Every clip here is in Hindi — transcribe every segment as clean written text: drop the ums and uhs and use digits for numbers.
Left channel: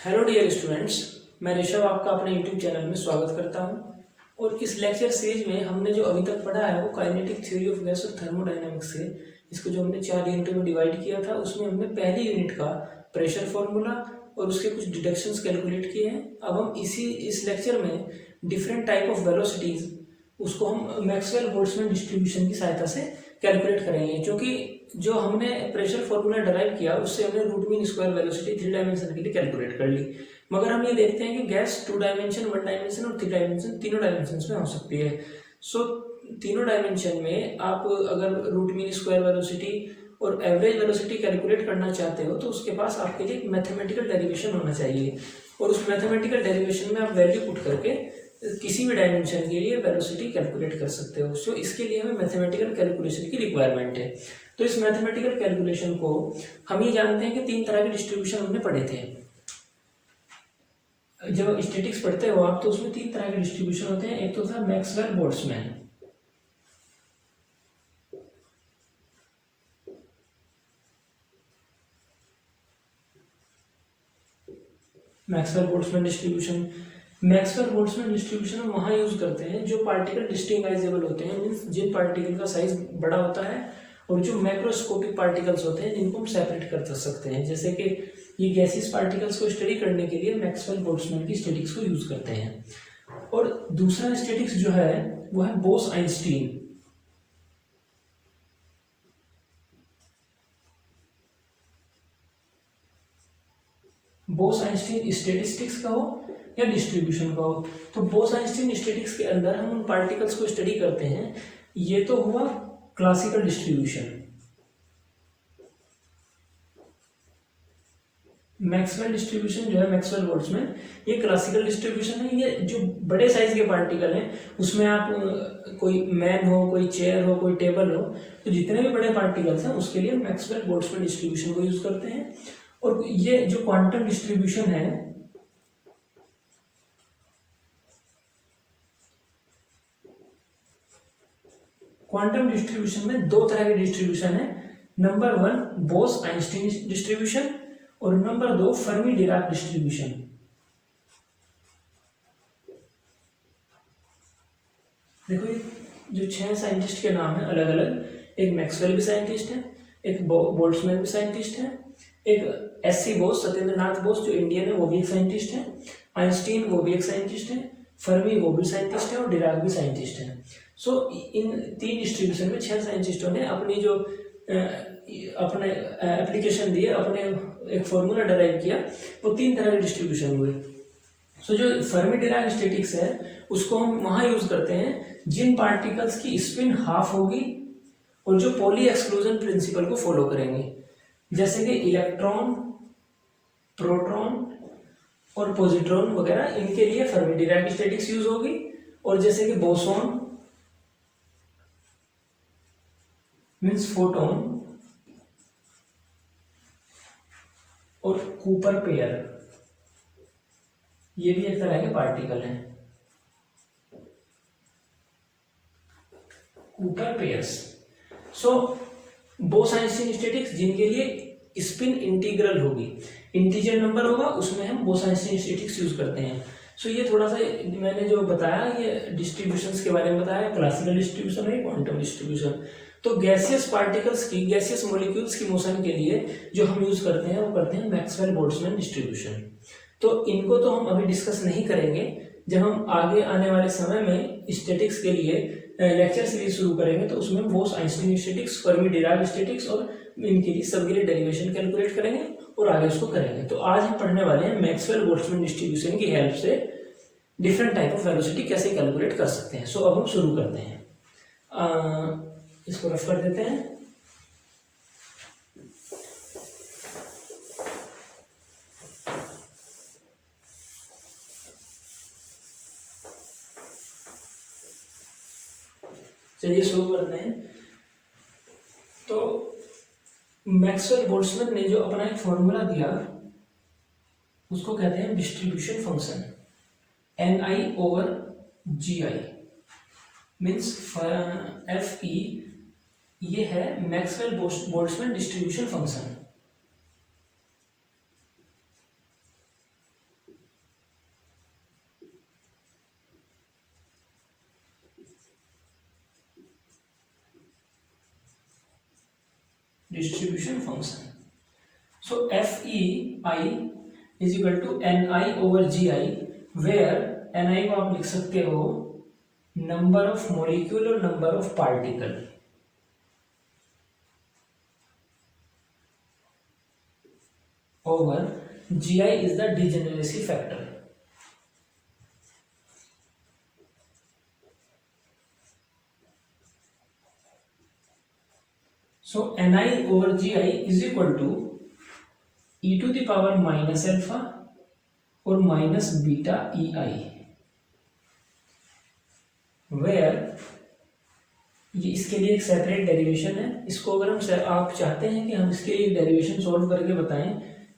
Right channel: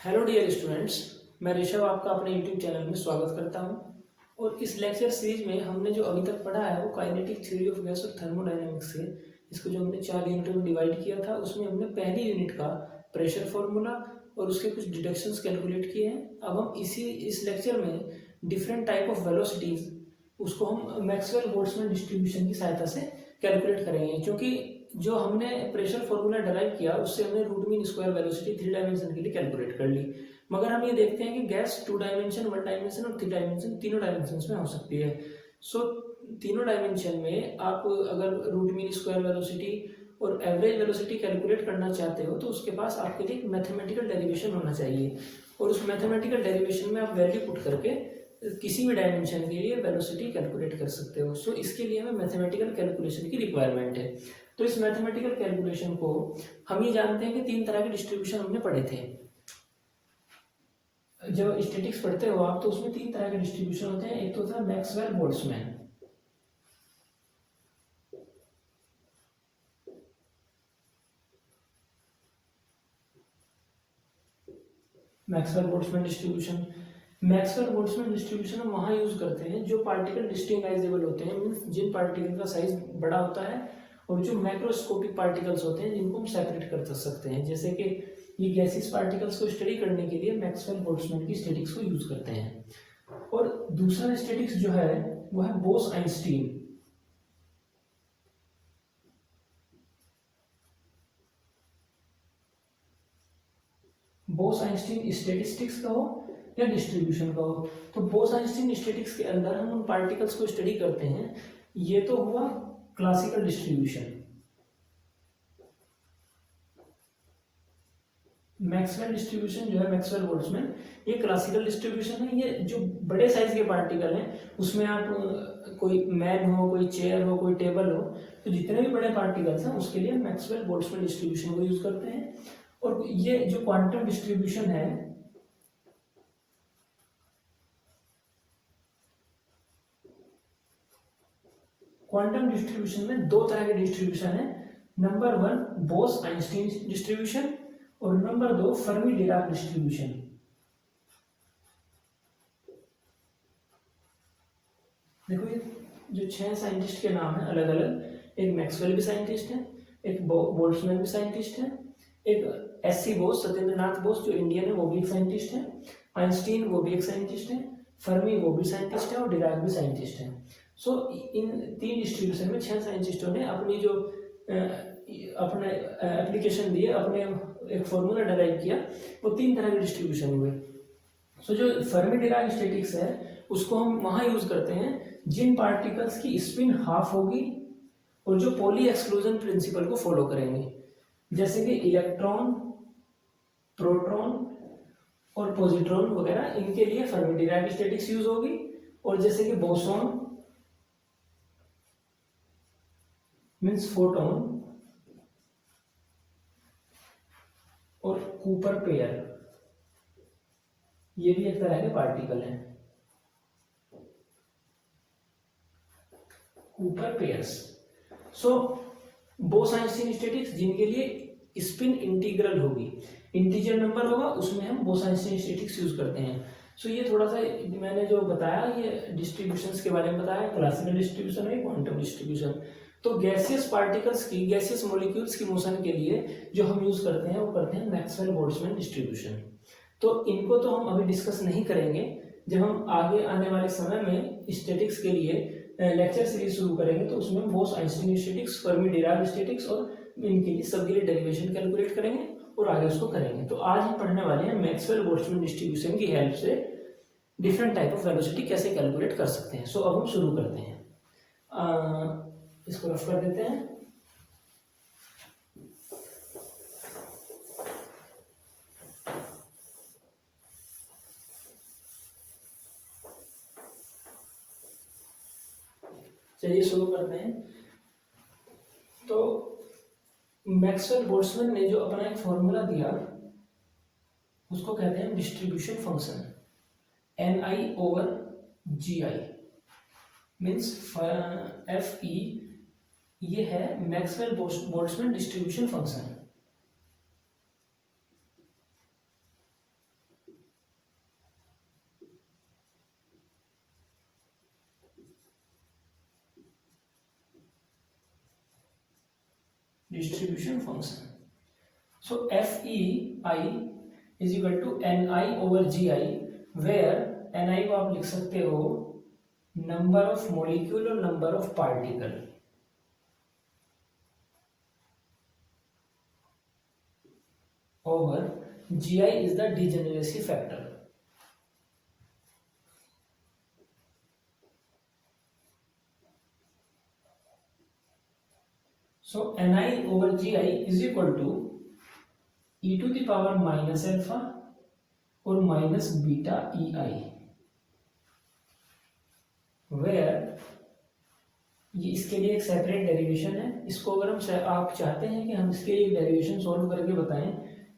हेलो डियर स्टूडेंट्स, मैं ऋषभ आपका अपने यूट्यूब चैनल में स्वागत करता हूं। और इस लेक्चर सीरीज में हमने जो अभी तक पढ़ा है वो काइनेटिक थ्योरी ऑफ गैस और थर्मोडायनामिक्स से इसको जो हमने 4 यूनिटों में डिवाइड किया था, उसमें हमने पहली यूनिट का प्रेशर फॉर्मूला और उसके कुछ डिडक्शंस कैलकुलेट किए हैं। अब हम इस लेक्चर में डिफरेंट टाइप ऑफ वेलोसिटीज उसको हम मैक्सवेल बोल्ट्जमैन डिस्ट्रीब्यूशन की सहायता से कैलकुलेट करेंगे। क्योंकि जो हमने प्रेशर फॉर्मूला डराइव किया उससे हमने root mean square velocity 3 dimension के लिए कैलकुलेट कर ली, मगर हम ये देखते हैं कि गैस 2 डायमेंशन, 1 डायमेंशन और 3 डायमेंशन तीनों डायमेंशन में हो सकती है। सो तीनों डायमेंशन में आप अगर रूट मीन स्क्वायर वेलोसिटी और एवरेज वेलोसिटी कैलकुलेट करना चाहते हो तो उसके पास आपके लिए एक मैथमेटिकल डेरिवेशन होना चाहिए, और उस मैथमेटिकल डेरिवेशन में आप वैल्यू पुट करके किसी भी डायमेंशन के लिए वेलोसिटी कैलकुलेट कर सकते हो। सो इसके लिए हमें मैथमेटिकल कैलकुलेशन की रिक्वायरमेंट है। तो इस मैथमेटिकल कैलकुलेशन को हम ये जानते हैं कि 3 तरह के डिस्ट्रीब्यूशन हमने पढ़े थे। जब स्टैटिक्स पढ़ते हो आप तो उसमें 3 तरह के डिस्ट्रीब्यूशन होते हैं। एक तो था Maxwell Boltzmann, Maxwell Boltzmann distribution. Maxwell Boltzmann distribution हम वहाँ यूज करते हैं जो पार्टिकल डिस्टिंग्विजेबल होते हैं, मीन्स जिन पार्टिकल का साइज बड़ा होता है, और जो मैक्रोस्कोपिक पार्टिकल्स होते हैं जिनको हम सेपरेट कर सकते हैं। जैसे कि ये गैसियस पार्टिकल्स को स्टडी करने के लिए मैक्सवेल बोल्ट्जमैन की स्टैटिक्स को यूज करते हैं। और दूसरा स्टैटिक्स जो है वो है Bose Einstein. Bose Einstein statistics का हो या डिस्ट्रीब्यूशन का हो, तो बोस आइंस्टीन स्टैटिक्स के अंदर हम उन पार्टिकल्स को स्टडी करते हैं। ये तो हुआ क्लासिकल डिस्ट्रीब्यूशन। मैक्सवेल डिस्ट्रीब्यूशन जो है मैक्सवेल बोल्ट्जमैन, ये क्लासिकल डिस्ट्रीब्यूशन है। ये जो बड़े साइज के पार्टिकल हैं उसमें आप कोई मैन हो, कोई चेयर हो, कोई टेबल हो, तो जितने भी बड़े पार्टिकल्स हैं उसके लिए मैक्सवेल बोल्ट्जमैन डिस्ट्रीब्यूशन को यूज करते हैं। और ये जो क्वांटम डिस्ट्रीब्यूशन है, क्वांटम डिस्ट्रीब्यूशन में 2 तरह के डिस्ट्रीब्यूशन है। नंबर 1 बोस आइंस्टीन डिस्ट्रीब्यूशन और नंबर 2 फर्मी डिराक डिस्ट्रीब्यूशन। देखो जो 6 साइंटिस्ट के नाम है अलग अलग, एक मैक्सवेल भी साइंटिस्ट है, एक बोल्ट्जमैन भी साइंटिस्ट है, एक एससी बोस, सत्येंद्रनाथ बोस जो इंडियन है वो भी एक साइंटिस्ट है, आइंस्टीन वो भी एक साइंटिस्ट है, फर्मी वो भी साइंटिस्ट है और डिराक भी साइंटिस्ट है। सो इन 3 डिस्ट्रीब्यूशन में 6 साइंटिस्टों ने अपनी जो अपने एप्लीकेशन दिए, अपने एक फॉर्मूला डराइव किया, वो 3 तरह के डिस्ट्रीब्यूशन हुए। सो जो फर्मी डिराक स्टैटिक्स है उसको हम वहां यूज करते हैं जिन पार्टिकल्स की स्पिन हाफ होगी और जो पॉली एक्सक्लूजन प्रिंसिपल को फॉलो करेंगे, जैसे कि इलेक्ट्रॉन, प्रोटॉन और पॉजिट्रॉन वगैरह, इनके लिए फर्मी डिराक स्टैटिक्स यूज होगी। और जैसे कि बोसॉन मीन्स फोटोन और कूपर पेयर, ये भी एक तरह के पार्टिकल हैं, कूपर पेयर्स। सो बोस आइंस्टीन स्टैटिक्स जिनके लिए स्पिन इंटीग्रल होगी, इंटीजर नंबर होगा, उसमें हम बोस आइंस्टीन स्टैटिक्स यूज करते हैं। सो ये थोड़ा सा मैंने जो बताया ये डिस्ट्रीब्यूशंस के बारे में बताया, क्लासिकल डिस्ट्रीब्यूशन है, क्वांटम डिस्ट्रीब्यूशन। तो गैसियस पार्टिकल्स की, गैसियस मॉलिक्यूल्स की मोशन के लिए जो हम यूज करते हैं वो करते हैं मैक्सवेल बोल्ट्जमैन डिस्ट्रीब्यूशन। तो इनको तो हम अभी डिस्कस नहीं करेंगे, जब हम आगे आने वाले समय में स्टैटिक्स के लिए लेक्चर सीरीज शुरू करेंगे तो उसमें Bose Einstein statics, Fermi Dirac statics और इनके लिए सबके लिए डेरिवेशन कैलकुलेट करेंगे और आगे उसको करेंगे। तो आज हम पढ़ने वाले हैं मैक्सवेल बोल्ट्जमैन डिस्ट्रीब्यूशन की हेल्प से डिफरेंट टाइप ऑफ वेलोसिटी कैसे कैलकुलेट कर सकते हैं। सो अब हम शुरू करते हैं, इसको रफ कर देते हैं। चलिए शुरू करते हैं। तो मैक्सवेल बोल्ट्जमैन ने जो अपना एक फॉर्मूला दिया उसको कहते हैं distribution function, NI/GI means FE। ये है Maxwell Boltzmann distribution function. Distribution function. So F E I is equal to N I over G I, where N I को आप लिख सकते हो नंबर ऑफ मॉलिक्यूल और number of particle, over G I is the degeneracy factor. So ni over gi is equal to e to the power minus alpha और minus beta E I, where ये इसके लिए एक सेपरेट डेरिवेशन है। इसको अगर हम आप चाहते हैं कि हम इसके लिए डेरिवेशन सॉल्व करके बताएं,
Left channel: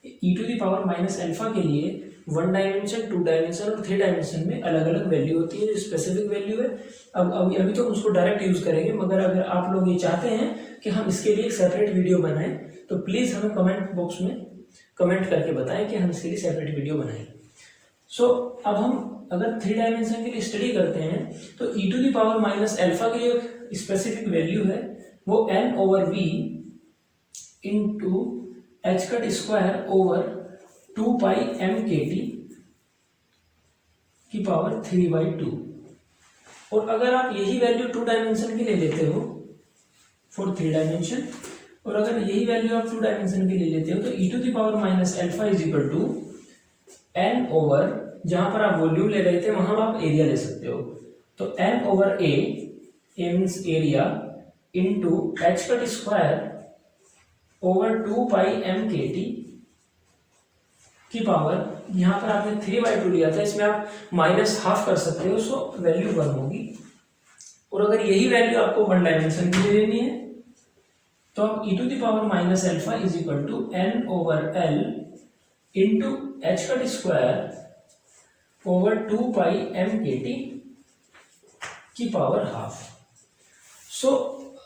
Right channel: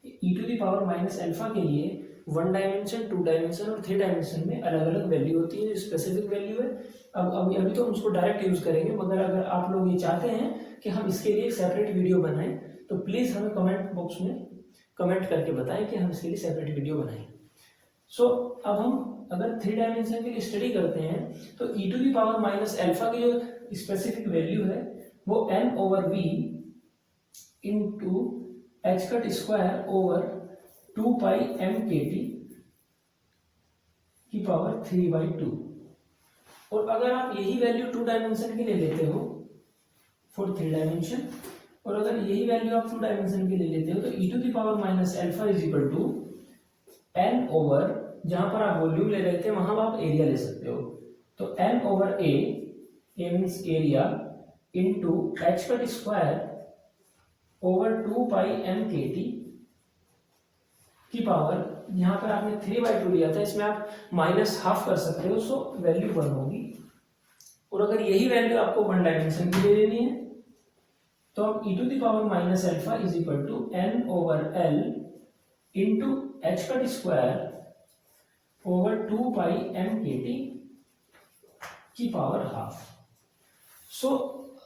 e to the power minus alpha के लिए 1 डायमेंशन 2 डायमेंशन और 3 डायमेंशन में अलग अलग वैल्यू होती है जो स्पेसिफिक वैल्यू है। अब अभी तो उसको डायरेक्ट यूज करेंगे, मगर अगर आप लोग ये चाहते हैं कि हम इसके लिए एक सेपरेट वीडियो बनाएं तो प्लीज हमें कमेंट बॉक्स में कमेंट करके बताएं कि हम इसके लिए सेपरेट वीडियो बनाएं। सो अब हम अगर 3 डायमेंशन के लिए स्टडी करते हैं तो e to the power minus alpha की जो स्पेसिफिक वैल्यू है वो n over v into H cut square over 2 pi M K T की पावर 3/2। और अगर आप यही वैल्यू 2 डायमेंशन के लिए लेते हो फॉर 3 डायमेंशन, और अगर यही वैल्यू आप 2 डायमेंशन के लिए लेते हो तो e to the power minus alpha is equal to n over, जहां पर आप वॉल्यूम ले रहे थे वहां आप एरिया ले सकते हो, तो n over a means area into H cut square over 2 pi M K T की पावर, यहां पर आपने 3/2 लिया था, इसमें आप माइनस हाफ कर सकते हो, सो वैल्यू 1 होगी। और अगर यही वैल्यू आपको 1 डायमेंशन की ले लेनी है तो आप e to the power minus alpha is equal to n over l into H cut square over 2 pi M K T की पावर हाफ। सो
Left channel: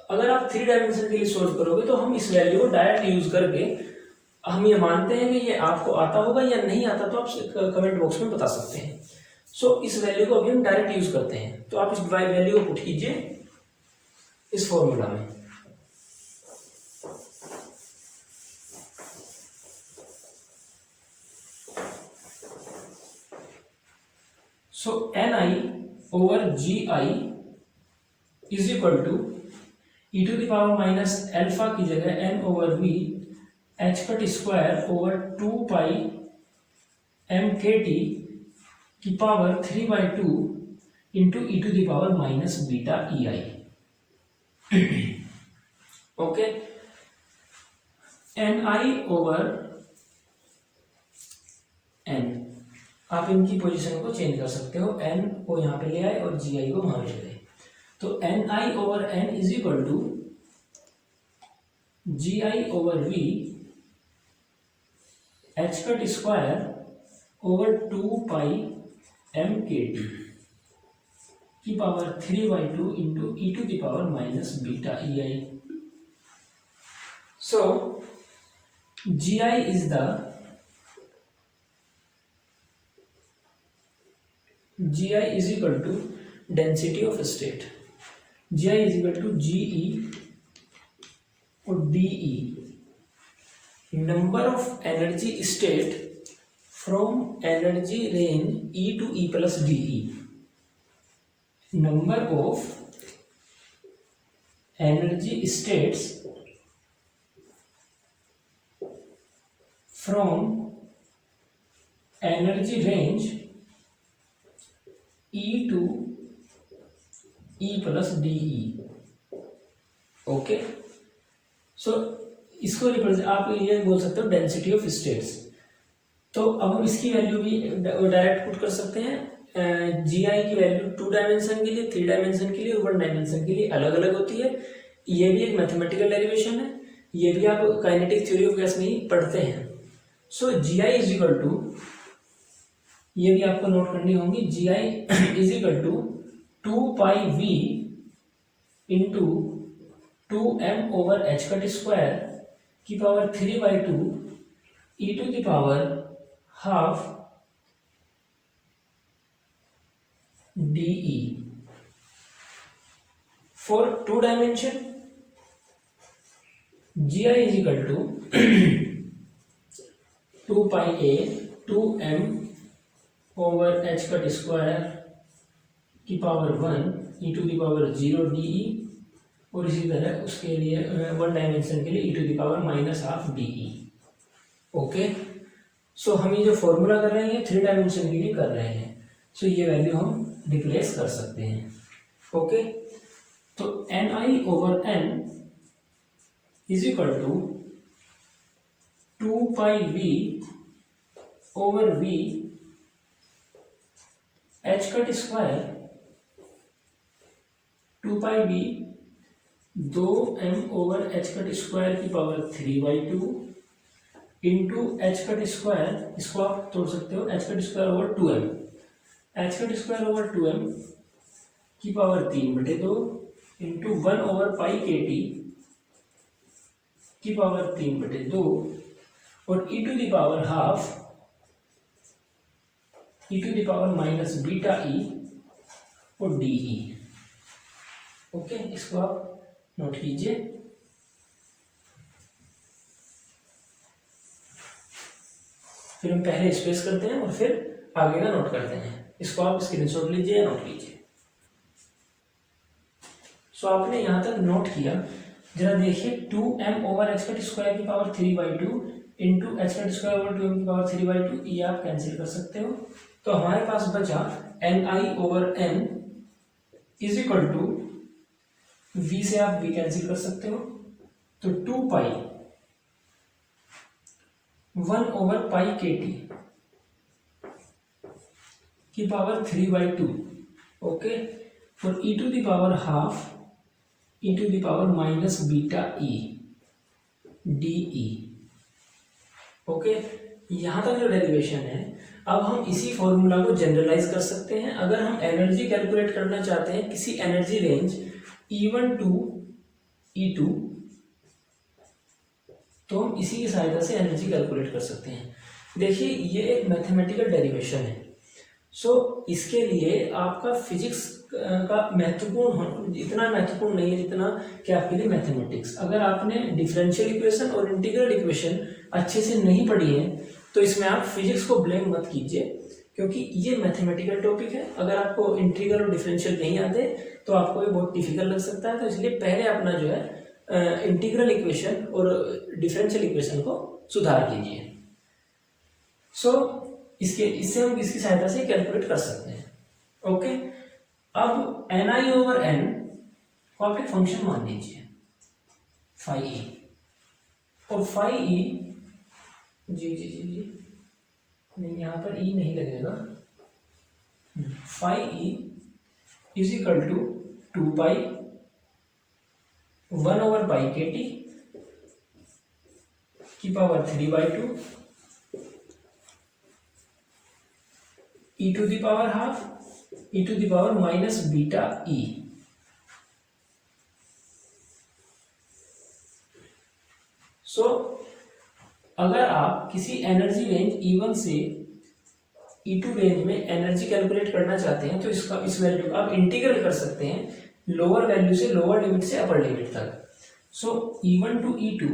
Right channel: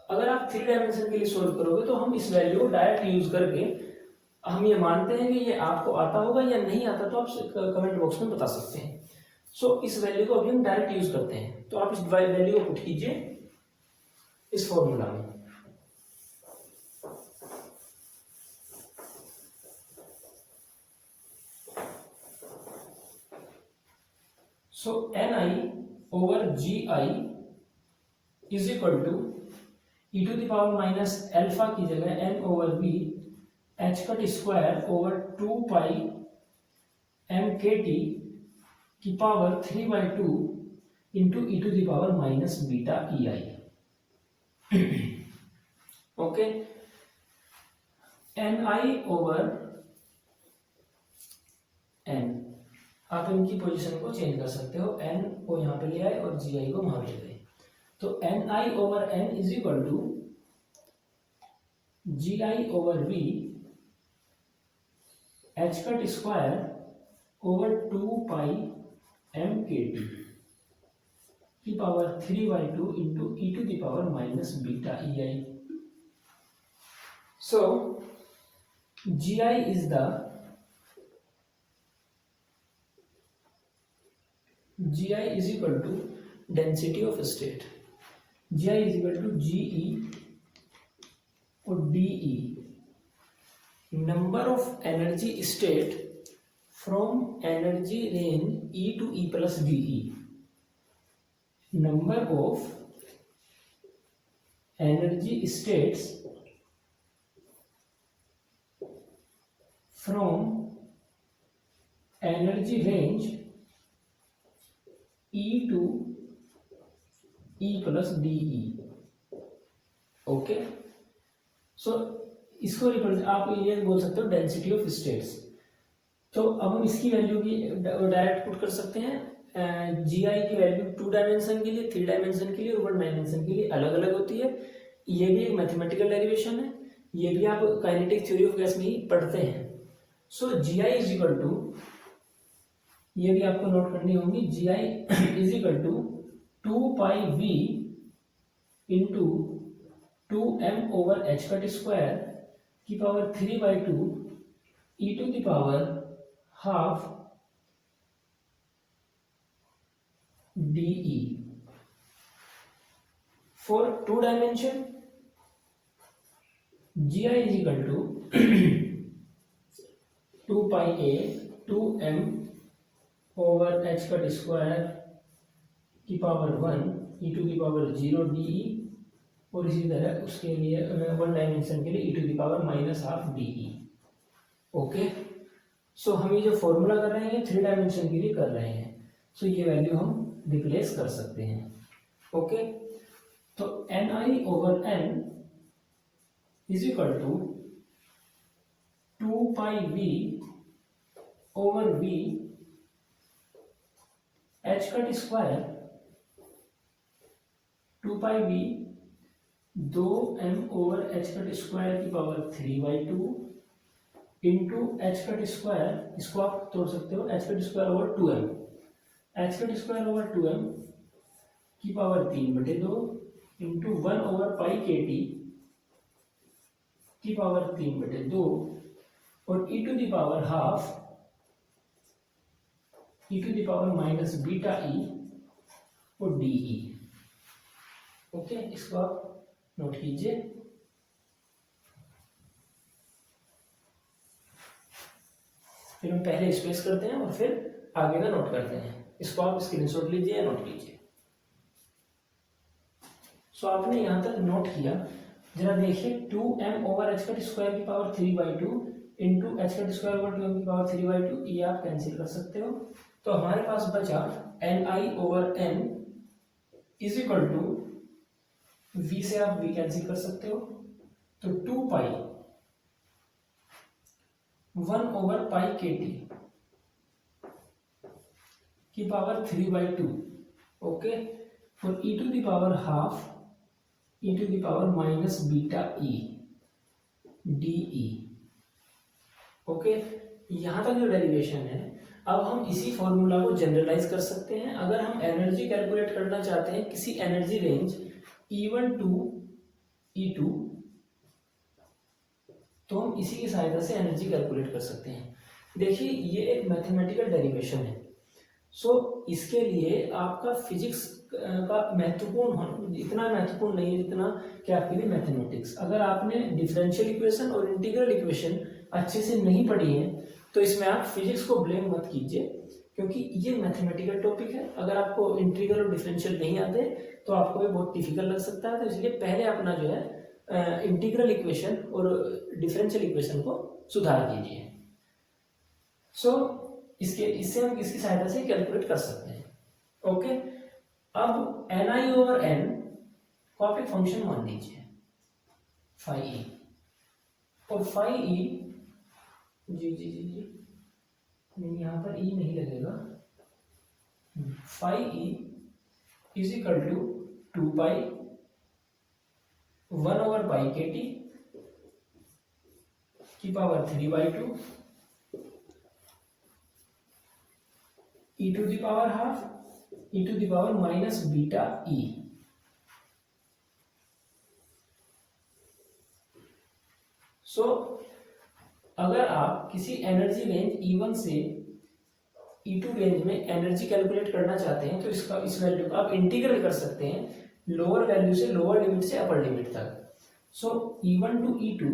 अगर आप 3 डायमेंशन के लिए सोल्व करोगे तो हम इस वैल्यू को डायरेक्ट यूज करके हम ये मानते हैं कि ये आपको आता होगा या नहीं आता, तो आप कमेंट बॉक्स में बता सकते हैं। सो इस वैल्यू को अभी हम डायरेक्ट यूज करते हैं, तो आप इस वैल्यू को पुट कीजिए इस फॉर्मूला में। So N I over G I is equal to E to the power minus alpha की जगह n over v H cut square over 2 pi M K T की power 3/2 into E to the power minus beta E I. Okay, N I over N, आप इनकी पोजीशन को चेंज कर सकते हो, n को यहां पे ले आए और जी आई को वहां पे ले गए, तो N I over N is equal to G I over V H cut square over 2 pi M K T की power 3/2 into E to the power minus beta E I. So G I is the G I is equal to density of state, G I is equal to G E और D E, number of energy state from energy range E to E plus D E, number of energy states from energy range E to E plus D E. Okay, so इसको रिप्रेजेंट आप ये बोल सकते हो डेंसिटी ऑफ स्टेट्स। तो अब हम इसकी वैल्यू भी डायरेक्ट पुट कर सकते हैं। जी आई की वैल्यू 2 डायमेंशन के लिए, 3 डायमेंशन के लिए और 1 डायमेंशन के लिए अलग अलग होती है। ये भी एक मैथमेटिकल डेरिवेशन है, ये भी आप काइनेटिक थ्योरी ऑफ गैस में ही पढ़ते हैं। So G I is equal to, ये भी आपको नोट करनी होगी, G I is equal to 2 pi V into 2m over H cut square की power 3/2 E to the power half D for 2 dimension, G I is equal to 2 pi a 2m over H cut square की power 1 E to the power 0 D E, और इसी तरह उसके लिए वन डायमेंशन के लिए E to the power minus half D E. Okay, so हम ये जो फॉर्मूला कर रहे हैं 3 डायमेंशन के लिए कर रहे हैं, सो ये वैल्यू हम रिप्लेस कर सकते हैं। ओके, तो N I over N is equal to 2 pi v over v H cut square 2 pi v 2m over H cut square की power 3/2 into H cut square, इसको आप तोड़ सकते हो, H cut square over 2m, H cut square over 2m की power 3/2 into 1 over pi K T की पावर 3/2 और E to the power half E to the power minus beta E और डी ई। ओके, इसको आप नोट कीजिए। फिर हम पहले स्पेस करते हैं और फिर आगे का नोट करते हैं। इसको आप स्क्रीनशॉट लीजिए, नोट कीजिए। सो आपने यहां तक नोट किया, जरा देखिए 2m over H cut square की power 3/2 into H cut square over 2m की पावर 3/2, ये आप कैंसिल कर सकते हो। तो हमारे पास बचा N I over N is equal to v से आप v कैंसिल कर सकते हो, तो 2 pi 1 over pi K T की पावर 3/2। ओके, और E to the power half E to the power minus beta E D E. Okay, यहां तक जो डेरिवेशन है, अब हम इसी फॉर्मूला को जनरलाइज कर सकते हैं। अगर हम एनर्जी कैलकुलेट करना चाहते हैं किसी energy range E1 to E2, तो हम इसी की सहायता से एनर्जी कैलकुलेट कर सकते हैं। देखिए, ये एक मैथमेटिकल डेरिवेशन है, सो इसके लिए आपका फिजिक्स का महत्वपूर्ण इतना महत्वपूर्ण नहीं है जितना कि आपके लिए मैथमेटिक्स। अगर आपने डिफरेंशियल इक्वेशन और इंटीग्रल इक्वेशन अच्छे से नहीं पढ़ी है तो इसमें आप फिजिक्स को ब्लेम मत कीजिए, क्योंकि ये मैथमेटिकल टॉपिक है। अगर आपको इंटीग्रल और डिफरेंशियल नहीं आते तो आपको ये बहुत डिफिकल्ट लग सकता है। तो इसलिए पहले अपना जो है इंटीग्रल इक्वेशन और डिफरेंशियल इक्वेशन को सुधार कीजिए। सो इससे हम इसकी सहायता से कैलकुलेट कर सकते हैं। ओके, अब एन आई ओवर एन को आप एक फंक्शन मान लीजिए फाई ई, और फाई ई जी जी जी जी नहीं, यहाँ पर ई नहीं लगेगा। Phi E is equal to 2 pi 1 over pi K T की power 3/2 E to the power half E to the power minus beta E. So अगर आप किसी एनर्जी रेंज E1 से E2 रेंज में एनर्जी कैलकुलेट करना चाहते हैं तो इस वैल्यू का आप इंटीग्रल कर सकते हैं लोअर वैल्यू से लोअर लिमिट से अपर लिमिट तक। So E1 to E2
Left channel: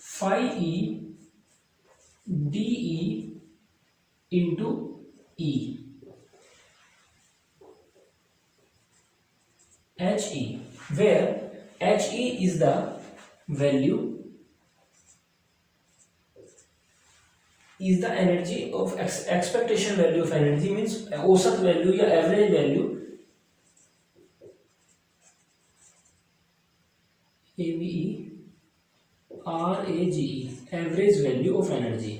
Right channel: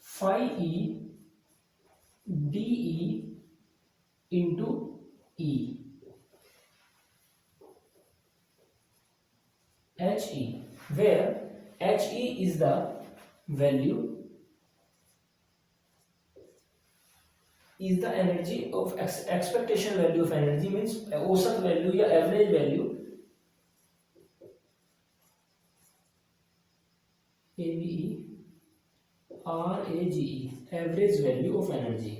phi E D E into E H E, where H E is the value is the energy of expectation value of energy, means औसत वैल्यू या average value average value of energy.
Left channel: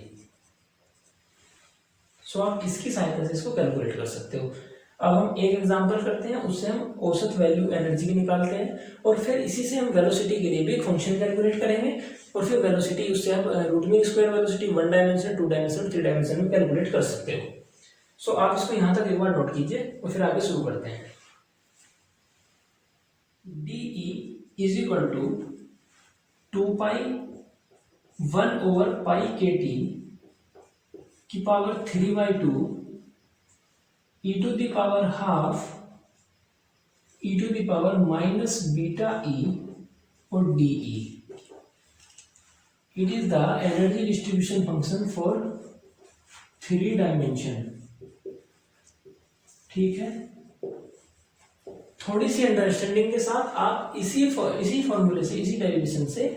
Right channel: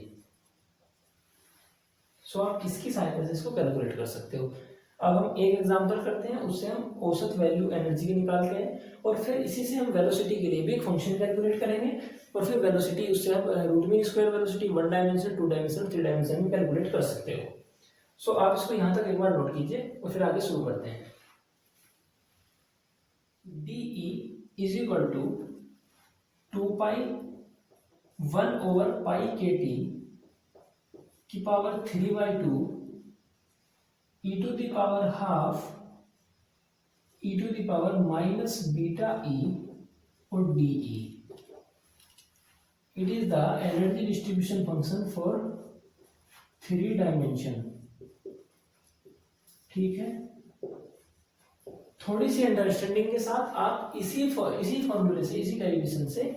So आप इसकी सहायता से इसको कैलकुलेट कर सकते हो। अब हम एक एग्जांपल करते हैं, उससे हम औसत वैल्यू एनर्जी की निकालते हैं और फिर इसी से हम वेलोसिटी के लिए भी एक फंक्शन कैलकुलेट करेंगे और फिर वेलोसिटी उससे हम root mean square velocity 1 dimension 2 dimension 3 dimension में कैलकुलेट कर सकते हो। सो आप इसको यहाँ तक एक बार नोट कीजिए और फिर आगे शुरू करते हैं। D E is equal to 2 pi 1 over pi K T की power 3/2 e to the power half e to the power minus beta E और DE। It is the energy distribution function for 3 dimension. ठीक है, थोड़ी सी अंडरस्टैंडिंग के साथ आप इसी फॉर्मूले से, इसी डेरिवेशन से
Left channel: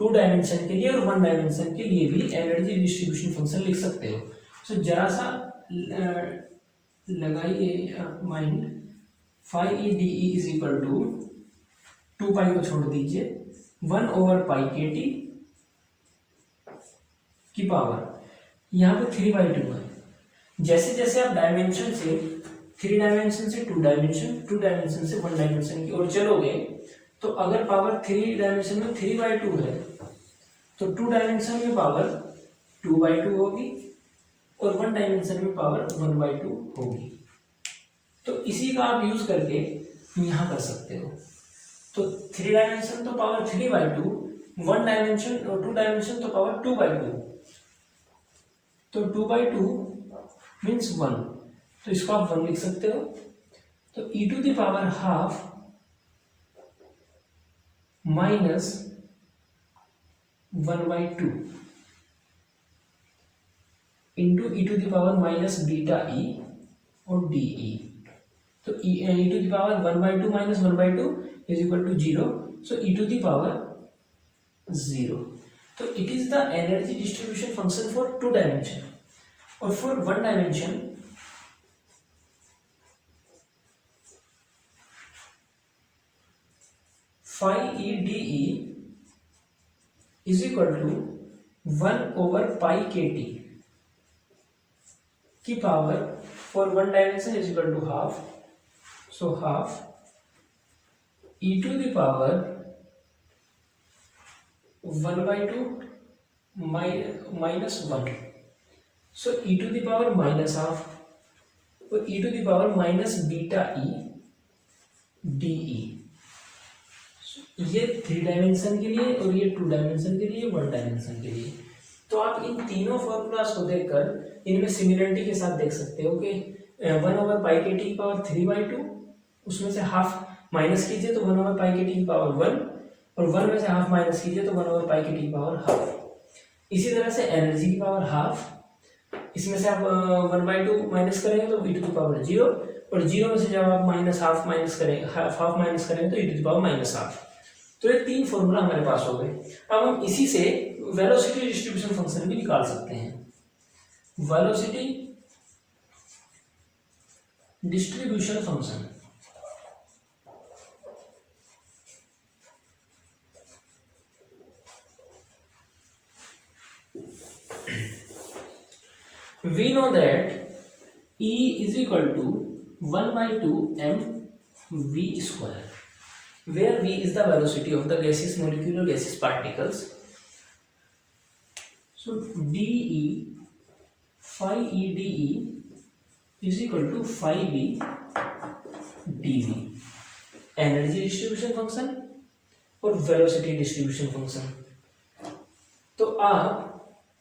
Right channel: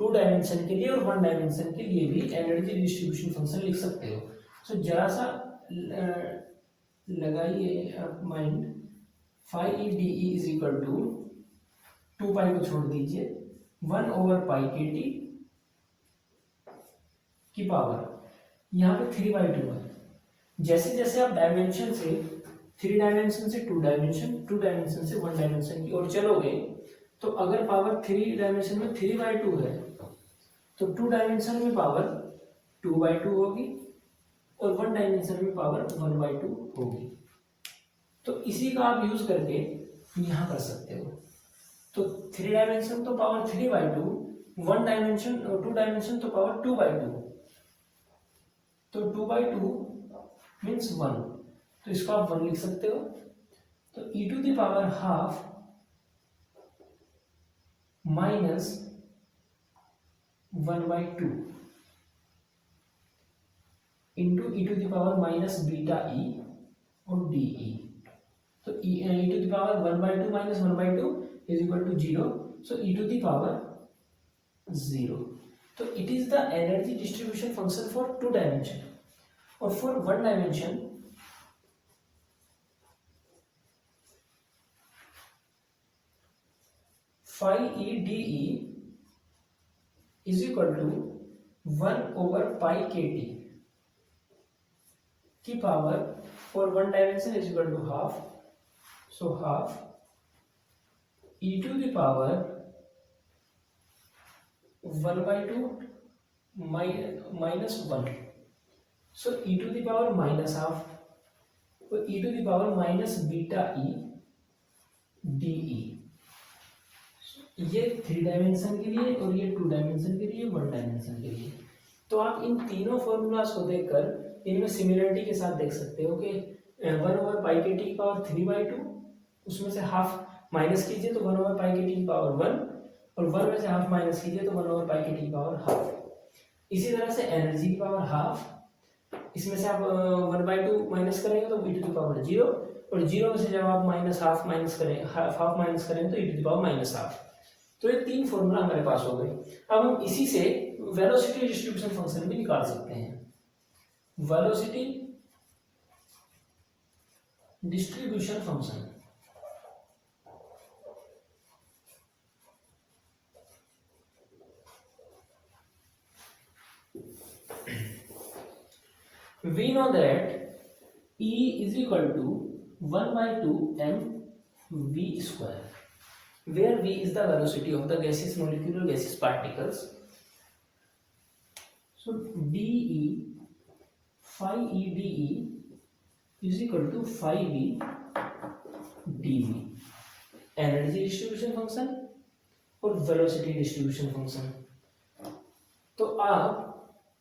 2 डायमेंशन के लिए और 1 डायमेंशन के लिए भी एनर्जी डिस्ट्रीब्यूशन फंक्शन लिख सकते हो। सो जरा सा लगाइए आप mind, phi E D E is equal to 2 pi को छोड़ दीजिए 1 ओवर पाई के टी की पावर, यहाँ पे 3/2 है। जैसे जैसे आप डायमेंशन से 3 डायमेंशन से 2 डायमेंशन, 2 डायमेंशन से 1 डायमेंशन की ओर चलोगे, तो अगर पावर 3 डायमेंशन में 3/2 है तो 2 डायमेंशन में पावर 2/2 होगी और 1 डायमेंशन में पावर 1/2 होगी। तो इसी का आप यूज करके यहाँ कर सकते हो। तो 3 डायमेंशन तो पावर 3/2, 1 डायमेंशन और 2 डायमेंशन तो पावर 2/2, तो 2/2 मीन्स 1, तो इसको आप 1 लिख सकते हो। तो e to the power half minus 1/2 into e to the power minus beta E और डी ई। तो e to the power 1/2 minus 1/2 is equal to 0, so e to the power 0। तो it is the energy distribution function for 2 dimension. और for 1 dimension phi E D E is equal to 1 over pi K T की power, for 1 dimension is equal to half, so half e to the power 1/2 minus 1, so e to the power minus half और e to the power minus beta E D E. ये 3 डायमेंशन के लिए और ये 2 डायमेंशन के लिए, 1 डायमेंशन के लिए। तो आप इन तीनों फॉर्मूलाज को देखकर इनमें सिमिलरिटी के साथ देख सकते हो कि 1 ओवर पाई के टी की पावर 3/2, उसमें से हाफ माइनस कीजिए तो 1 ओवर पाई के टी की पावर 1, और 1 में से हाफ माइनस कीजिए तो 1 ओवर पाई के टी की पावर हाफ। इसी तरह से एनर्जी की पावर हाफ, इसमें से आप 1/2 माइनस करेंगे तो e टू द पावर 0, और 0 में से जब आप हाफ माइनस करेंगे तो e to the power minus half. तो ये 3 फॉर्मूला हमारे पास हो गए। अब हम इसी से वेलोसिटी डिस्ट्रीब्यूशन फंक्शन भी निकाल सकते हैं। Velocity distribution function, we know that E is equal to 1/2 mv square, where v is the velocity of the gaseous molecule or gaseous particles. So dE, phi E dE is equal to phi v dv, energy distribution function और वेलोसिटी डिस्ट्रीब्यूशन फंक्शन। तो आप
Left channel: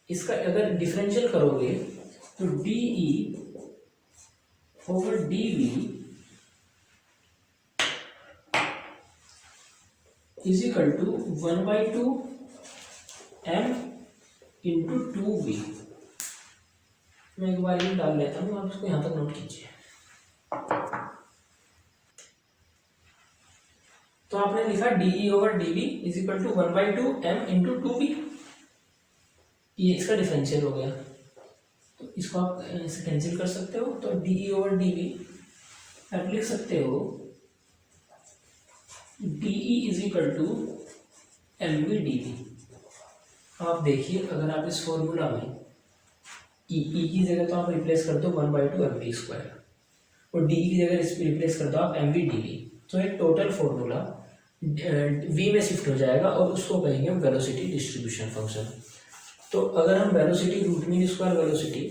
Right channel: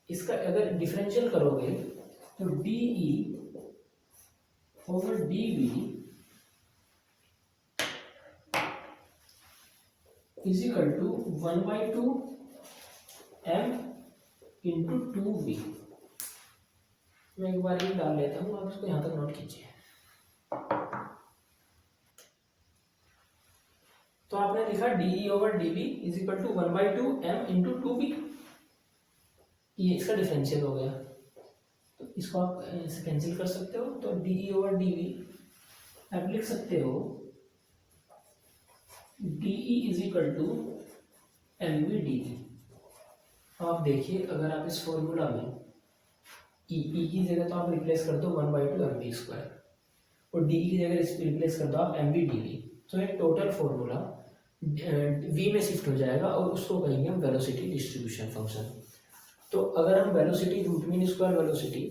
इसका अगर डिफरेंशियल करोगे तो dE over dv is equal to 1/2 m into 2v। मैं एक बार ये डाल लेता हूँ, आप इसको यहाँ तक नोट कीजिए। तो आपने लिखा dE over dv is equal to 1/2 m into 2v, ये इसका डिफरेंशियल हो गया। तो इसको आप इसे कैंसिल कर सकते हो, तो dE ओवर dv आप लिख सकते हो dE is equal to mv dv। आप देखिए अगर आप इस फॉर्मूला में E की जगह तो आप रिप्लेस कर दो 1/2 mv स्क्वायर और dE की जगह रिप्लेस कर दो आप mv dv, तो एक टोटल फॉर्मूला v में शिफ्ट हो जाएगा और उसको कहेंगे हम वेलोसिटी डिस्ट्रीब्यूशन फंक्शन। तो अगर हम velocity root mean square velocity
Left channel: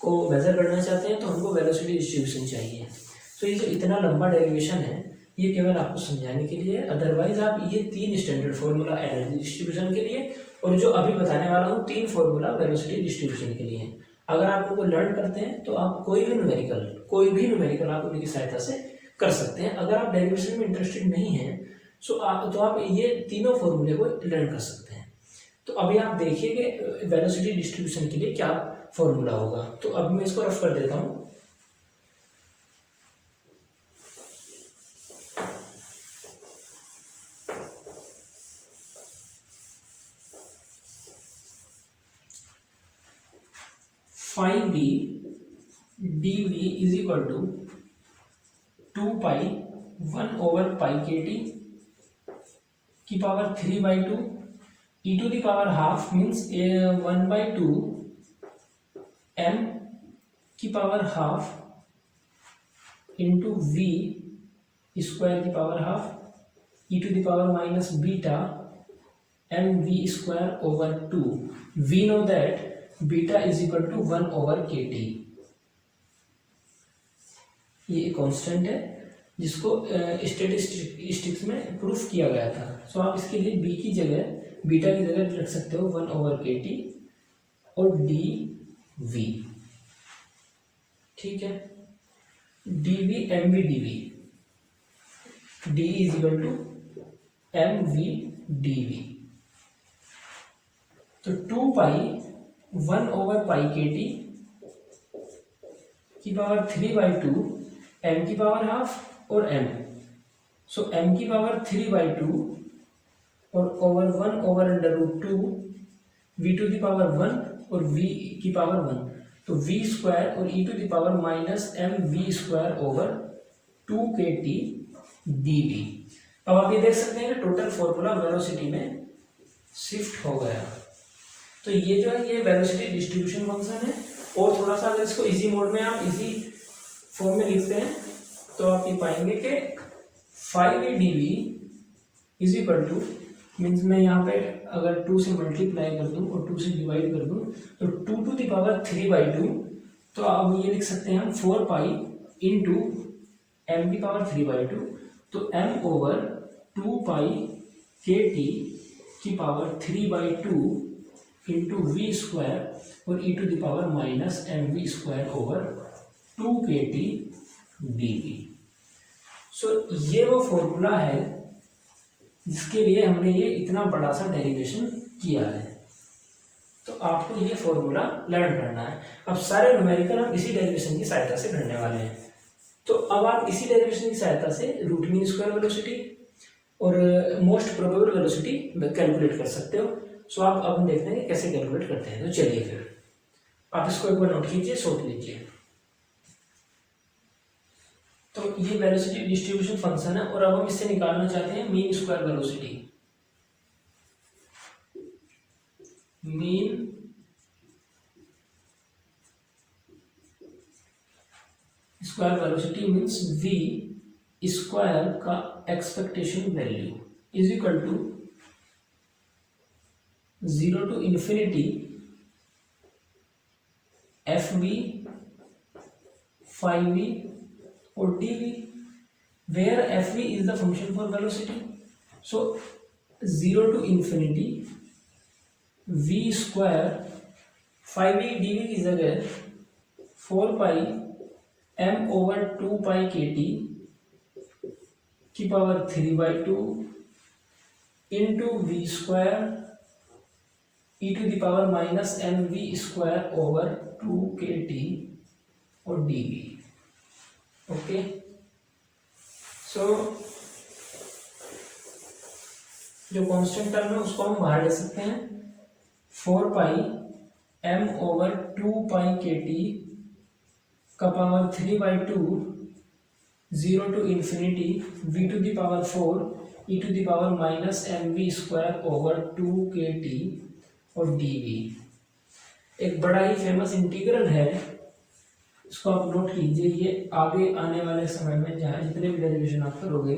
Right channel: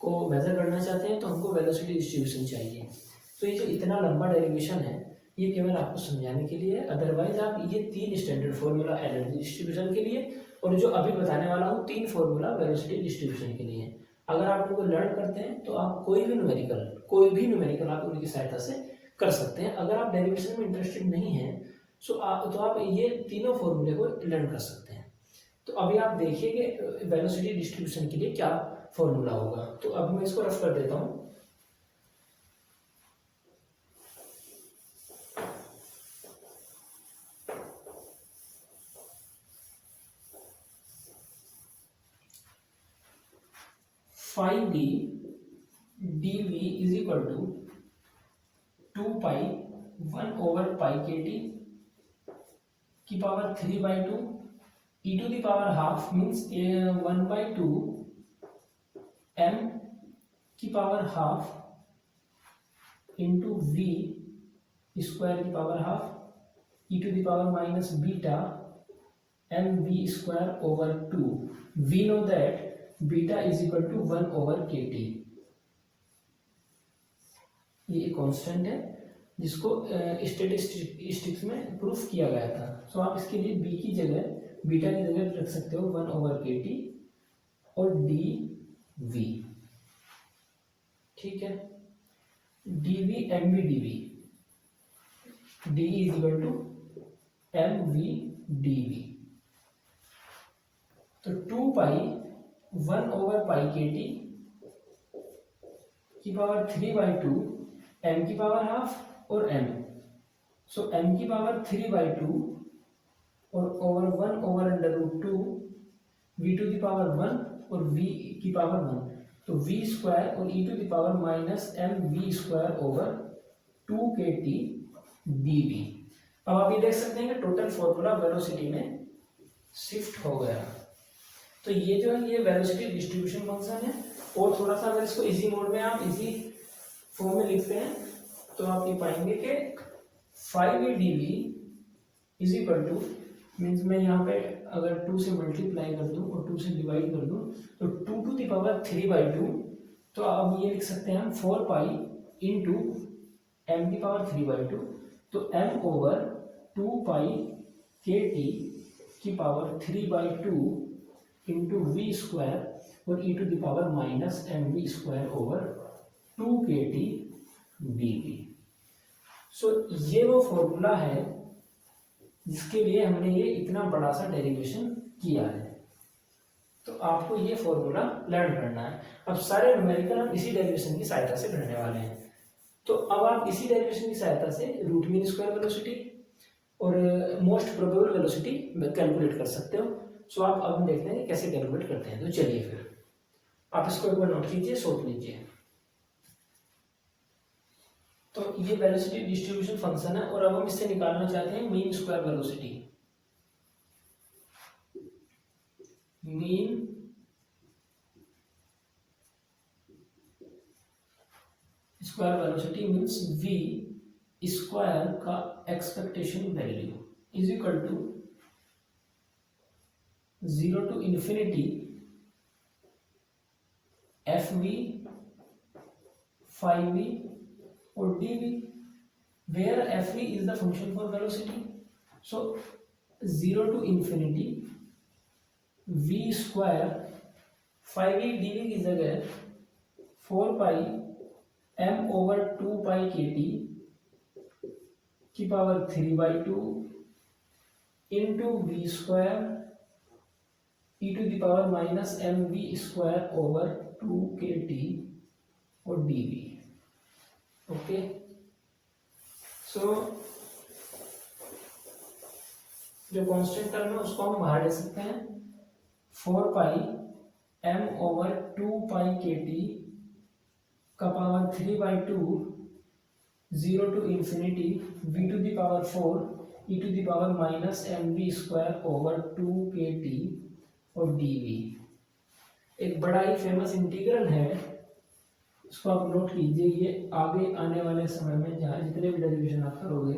को मेजर करना चाहते हैं तो हमको वेलोसिटी डिस्ट्रीब्यूशन चाहिए। तो ये जो इतना लंबा डेरिवेशन है ये केवल आपको समझाने के लिए, अदरवाइज आप ये 3 स्टैंडर्ड फॉर्मूला एनर्जी डिस्ट्रीब्यूशन के लिए और जो अभी बताने वाला हूँ 3 फॉर्मूला वेलोसिटी डिस्ट्रीब्यूशन के लिए, अगर आप उनको लर्न करते हैं तो आप कोई भी न्यूमेरिकल आप उनकी सहायता से कर सकते हैं। अगर आप डेरिवेशन में इंटरेस्टेड नहीं हैं तो आप ये तीनों फॉर्मूले को लर्न कर सकते हैं। तो अभी आप देखिए कि वेलोसिटी डिस्ट्रीब्यूशन के लिए क्या फॉर्मूला होगा। तो अब मैं इसको रफ कर देता हूँ। Phi V B D V is equal to 2 pi 1/पाई के टी की power 3/2 e to the power half means 1/2 m की power half into v square की power half e to the power minus beta mv²/2। We know that beta is equal to 1/kt। ये एक कांस्टेंट है जिसको स्टैटिस्टिक्स में प्रूफ किया गया था। सो आप इसके लिए बी की जगह बीटा की जगह रख सकते हो 1/kt और डी वी। ठीक है, D V M V D V, D is equal to M V D V. तो 2 पाई 1/पाई के टी की पावर 3/2 m की पावर हाफ और m। सो m की पावर 3/2 और over 1/√2 v to the power 1 और v की पावर 1, तो v² और e to the power minus mv²/2kt dv। अब आप ये देख सकते हैं कि टोटल फॉर्मूला वेलोसिटी में शिफ्ट हो गया। तो ये जो है ये वेलोसिटी डिस्ट्रीब्यूशन फंक्शन है। और थोड़ा सा अगर इसको इजी मोड में आप इसी फॉर्म में लिखते हैं तो आप ये पाएंगे कि 5v dv is equal two means मैं यहाँ पे अगर 2 से मल्टीप्लाई कर दूं और 2 से डिवाइड कर दूं तो 2 टू द पावर 3/2। तो अब ये लिख सकते हैं हम 4 पाई इंटू m की पावर 3/2, तो m/2 के टी की पावर 3/2 इंटू v² और e to the power minus mv²/2kt dv। So ये वो फॉर्मूला है जिसके लिए हमने ये इतना बड़ा सा डेरिवेशन किया है। तो आपको ये फॉर्मूला लर्न करना है। अब सारे न्यूमेरिकल हम इसी डेरिवेशन की सहायता से करने वाले हैं। तो अब आप इसी डेरिवेशन की सहायता से रूट मीन स्क्वायर वेलोसिटी और मोस्ट प्रोबेबल वेलोसिटी कैलकुलेट कर सकते हो। सो आप अब देखते हैं कि कैसे कैलकुलेट करते हैं। तो चलिए फिर आप इसको एक बार नोट कीजिए, सोच लीजिए। तो ये वेलोसिटी डिस्ट्रीब्यूशन फंक्शन है और अब हम इससे निकालना चाहते हैं mean square velocity. Mean square velocity means v square का expectation value is equal to 0 to infinity fv 5v or dv, where fv is the function for velocity. So 0 to infinity v square 5v dv की जगह 4 पाई m/2 kt की power 3/2 into v square e to the power minus mv²/2kt और dv। ओके, सो जो कांस्टेंट टर्म है उसको हम बाहर ले सकते हैं। 4 पाई m/2 kt का power 3/2 0 to infinity v to the power 4 e to the power minus mv²/2kt और dv। एक बड़ा ही फेमस इंटीग्रल है, इसको आप नोट कीजिए। ये आगे आने वाले समय में जहाँ जितने भी डेरिवेशन आप करोगे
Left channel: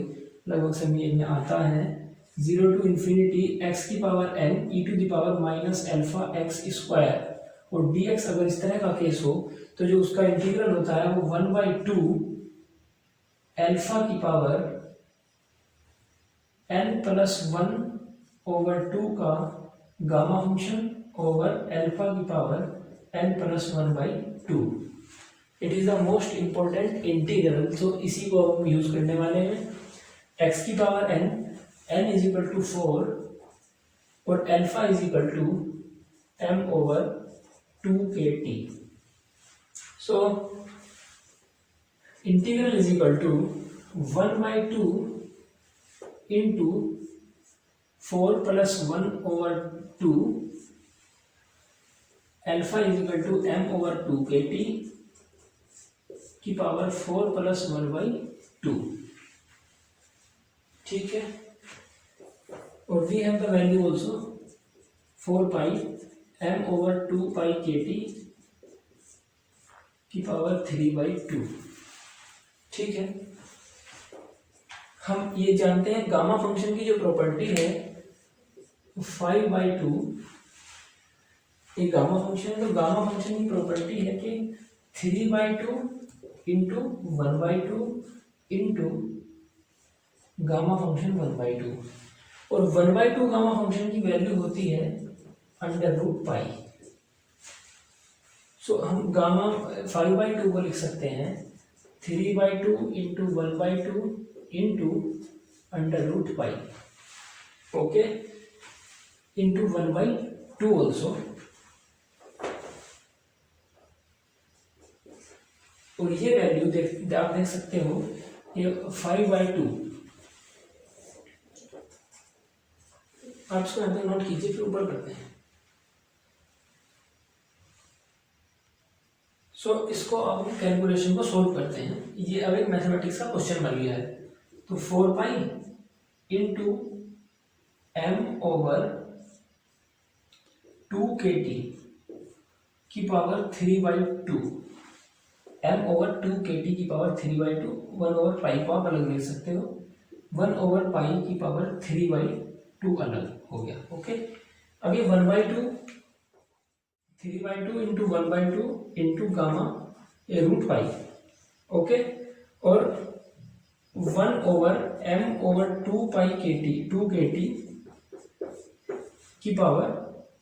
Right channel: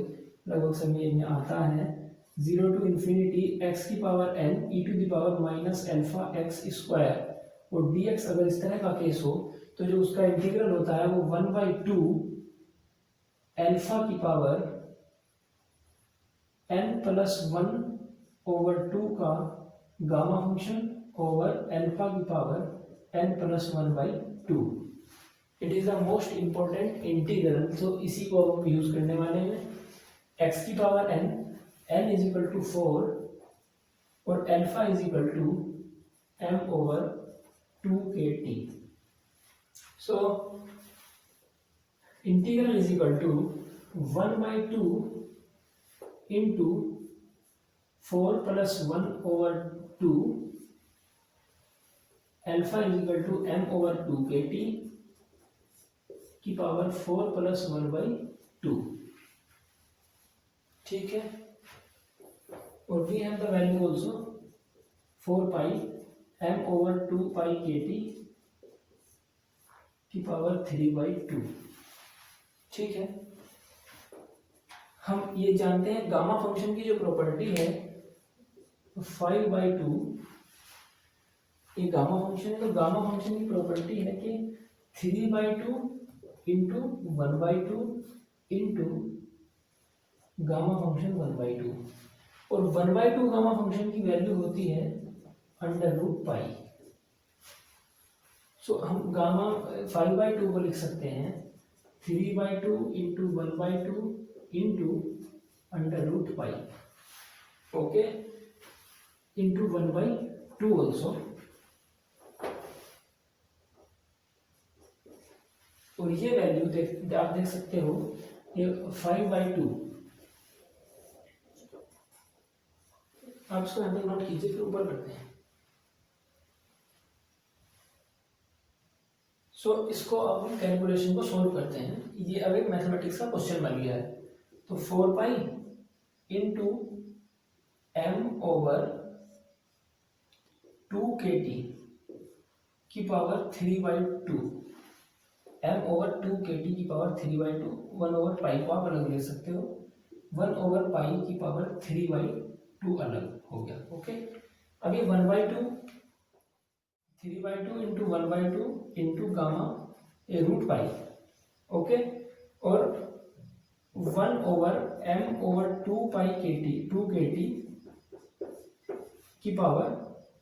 लगभग समय में आता है। 0 टू इंफिनिटी x की power n e to the power minus alpha x² और dx अगर इस तरह का केस हो तो जो उसका इंटीग्रल होता है वो 1/2 अल्फा की पावर n+1/2 का गामा फंक्शन ओवर अल्फा की power n+1/2। It is the most important integral. तो इसी को अब हम यूज करने वाले हैं। x की power n n is equal to 4 और alpha is equal to m over 2kt। So integral is equal to 1/2 into 4 plus 1 over 2 alpha is equal to m over 2kt की पावर 4 प्लस 1/2। ठीक है, और we have the value also 4 pi m over 2 pi kt की पावर 3/2। ठीक है, हम ये जानते हैं गामा फंक्शन की जो प्रॉपर्टी है 5/2, ये गामा फंक्शन है, तो गामा फंक्शन की प्रॉपर्टी है कि 3/2 इंटू 1/2 इंटू गामा फंक्शन 1/2, और 1/2 गामा फंक्शन की वैल्यू होती है √पाई। सो हम गामा 5/2 को लिख सकते हैं 3/2 इंटू 1/2 इंटू √पाई, ओके, इंटू 1/2 ऑल्सो। और ये वैल्यू आप देख सकते हो, ये 5/2, आप इसको यहाँ पे नोट कीजिए, फिर ऊपर करते हैं। सो इसको अब हम कैलकुलेशन को सोल्व करते हैं। ये अब एक मैथमेटिक्स का क्वेश्चन बन गया है। तो 4 pi into m over 2kt की पावर 3/2, m ओवर 2kt की पावर 3/2, 1 ओवर पाई को आप अलग लिख सकते हो, 1 ओवर पाई की पावर 3/2 अलग हो गया। ओके, अभी 1/2 3/2 इंटू 1/2 इंटू गामा √पाई, ओके, और 1 over m over 2 pi kt की पावर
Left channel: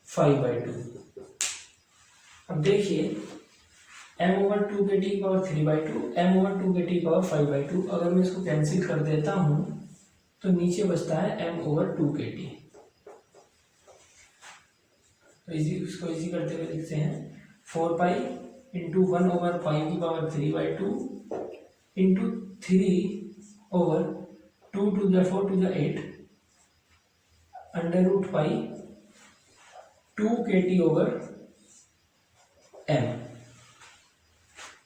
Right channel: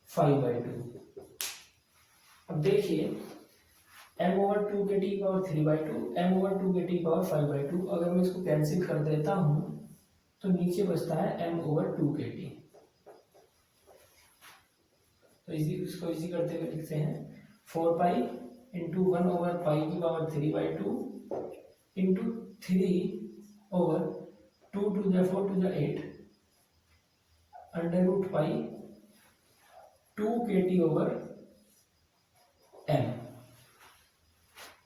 5/2। अब देखिए m ओवर 2kt की पावर 3/2, m ओवर 2kt की पावर 5/2, अगर मैं इसको कैंसिल कर देता हूं तो नीचे बचता है m ओवर 2kt। तो इसको इजी करते हुए लिखते हैं 4 पाई इंटू 1 ओवर पाई की power 3/2 into 3 over 2 to the 4 to the 8 √pi 2kt over m।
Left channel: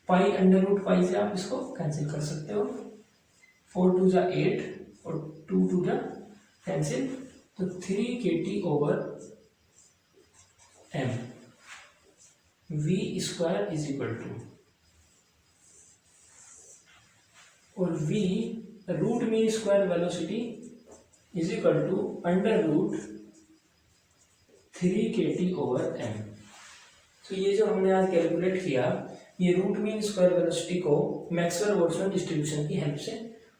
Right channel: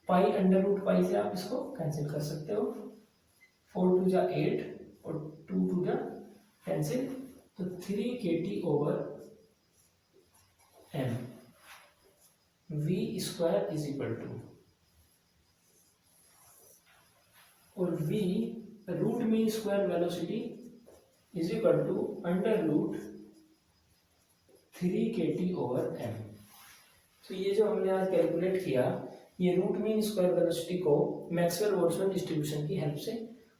पाई √पाई से आप इसको कैंसिल कर सकते हो, 4 to the 8 और 2 to the कैंसिल, तो 3kt over m। v square is equal to, और v root mean square velocity is equal to √3kt over m। तो ये जो हमने आज कैलकुलेट किया, ये रूट मीन स्क्वायर वेलोसिटी को मैक्सवेल बोल्ट्जमैन डिस्ट्रीब्यूशन की हेल्प से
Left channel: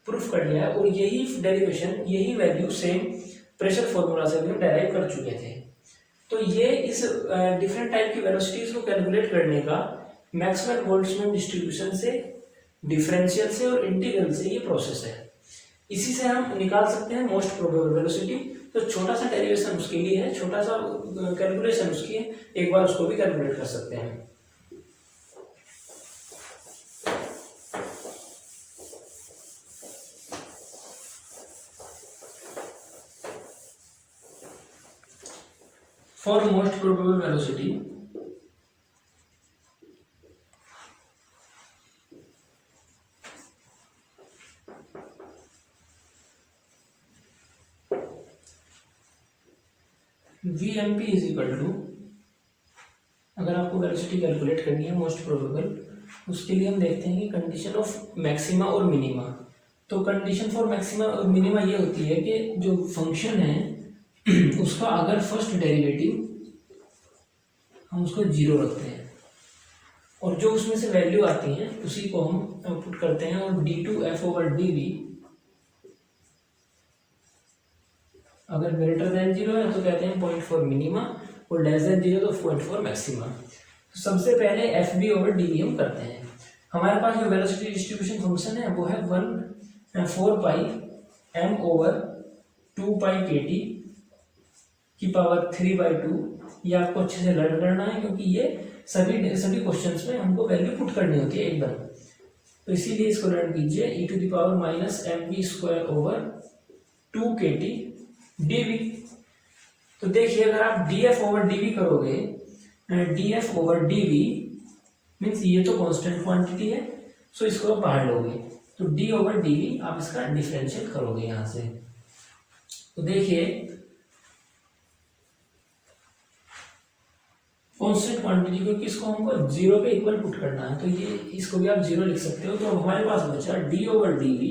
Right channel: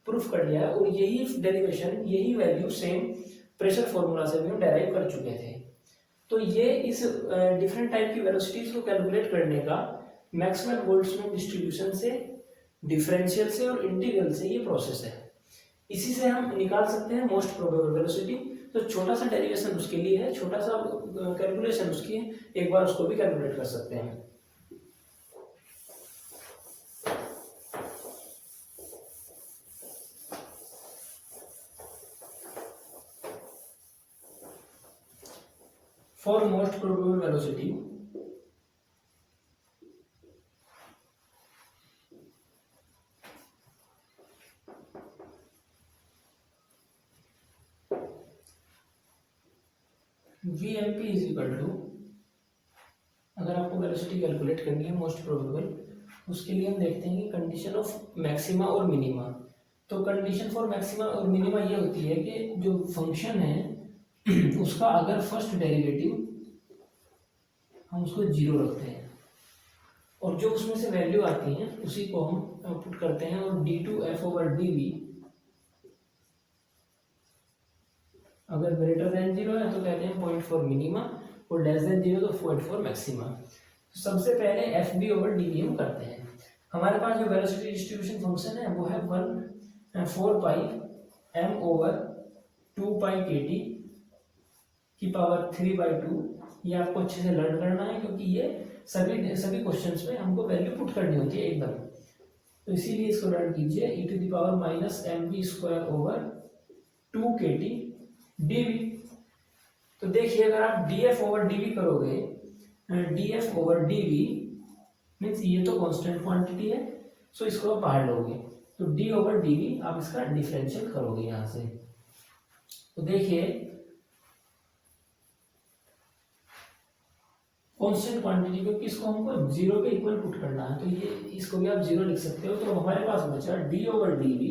प्रूफ कर लिया है, और यही डेरिवेशन, यही वैल्यू सेम प्रेशर फॉर्मूला से भी हम डेराइव कर चुके थे। तो ये इस डिफरेंट टाइप की वेलोसिटीज को कैलकुलेट करने का मैक्सवेल बोल्ट्जमैन डिस्ट्रीब्यूशन से, डिफरेंशियल से और इंटीग्रल से ये प्रोसेस है। इसी से हम निकाल सकते हैं मोस्ट प्रोबेबल वेलोसिटी। तो छोटा सा डेरिवेशन उसके लिए है, छोटा सा कैलकुलेशन उसकी है, एक बार उसको भी कैलकुलेट कर सकते हैं। For most probable velocity, VMP is equal to, अगर आपको वेलोसिटी कैलकुलेट करनी है मोस्ट प्रोबेबल, उसके लिए हम देखते हैं कि कंडीशन ऑफ मैक्सिमा और मिनिमा। तो कंडीशन फॉर मैक्सिमा और मिनिमा ये होती है कि जो फंक्शन है उसका अगर फर्स्ट डेरिवेटिव हम उसको 0 रखते हैं, और जो उसमें से वैल्यू आती है उसी को हम पुट करते हैं, और d2f ओवर dv अगर ग्रेटर देन 0 है तो कहते हैं 0.4 मिनिमा, और लेस देन 0 तो 0.4 मैक्सिमा। तो सबसे पहले F B over D V हम करते हैं। हमारे पास जो वेलोसिटी डिस्ट्रीब्यूशन फंक्शन है वो है 4 पाई m ओवर 2π/kT की पावर 3/2। ये आपको अच्छे से लर्न करना है क्योंकि ये सभी क्वेश्चंस में हमको वैल्यू पुट करनी होती है एकदम। तो इसीलिए इसको लर्न कीजिए e⁻−mv²/2kT/dv। तो देखिए अगर आप df/dv करोगे, df/dv मीन्स ये तो कांस्टेंट क्वांटिटी है, सो इसको आप बाहर लोगे तो d/dv आप इसका डिफरेंशियल करोगे यहां से। तो देखिए कांस्टेंट क्वांटिटी को किसको हमको 0 के इक्वल पुट करना है, तो ये इसको भी आप 0 लिख सकते हो। तो हमारे पास बचा d/dv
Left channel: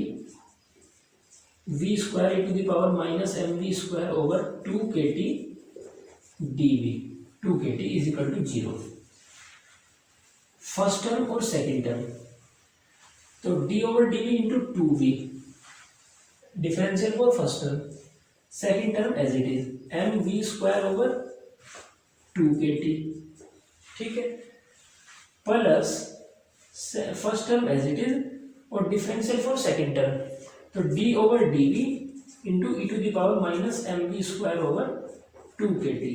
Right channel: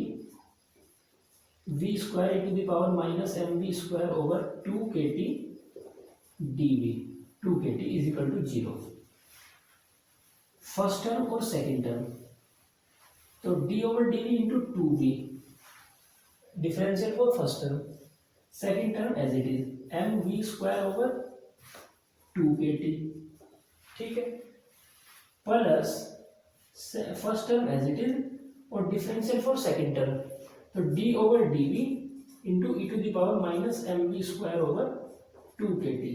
v²e⁻mv²/2kT/dv 2kT = 0। First term और सेकेंड टर्म, तो d/dv into 2v differential for first term, second term as it is mv²/2kT, ठीक है, plus first term as it is और डिफरेंशियल फॉर सेकेंड टर्म, तो d/dv इंटू e⁻mv²/2kT।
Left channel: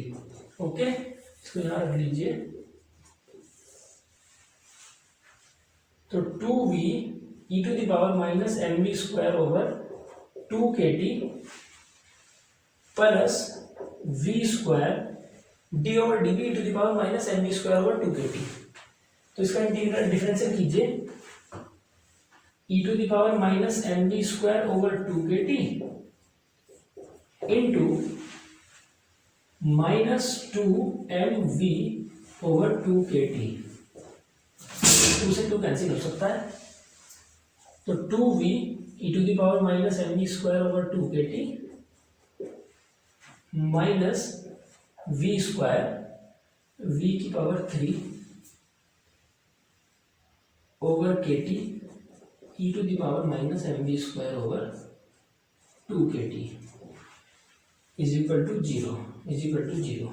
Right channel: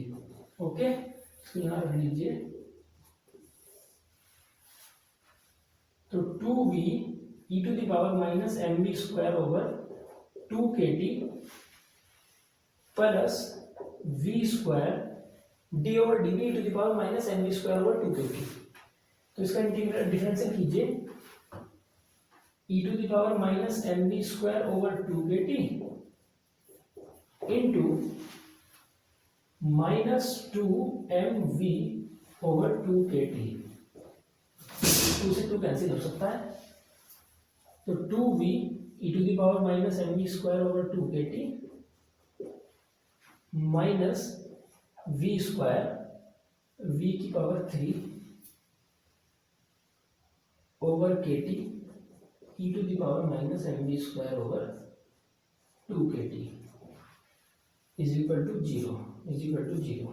ओके, इसको यहाँ रख लीजिए। तो 2v e⁻mv²/2kT plus v² d/dv e⁻mv²/2kT। तो इसका इंटीग्रल डिफरेंशियल कीजिए e⁻mv²/2kT इंटू -2mv/2kT। 2 से 2 कैंसिल हो सकता है, तो 2v e⁻mv²/2kT minus v², v की पावर 3/kT e⁻mv²/2kT = 0।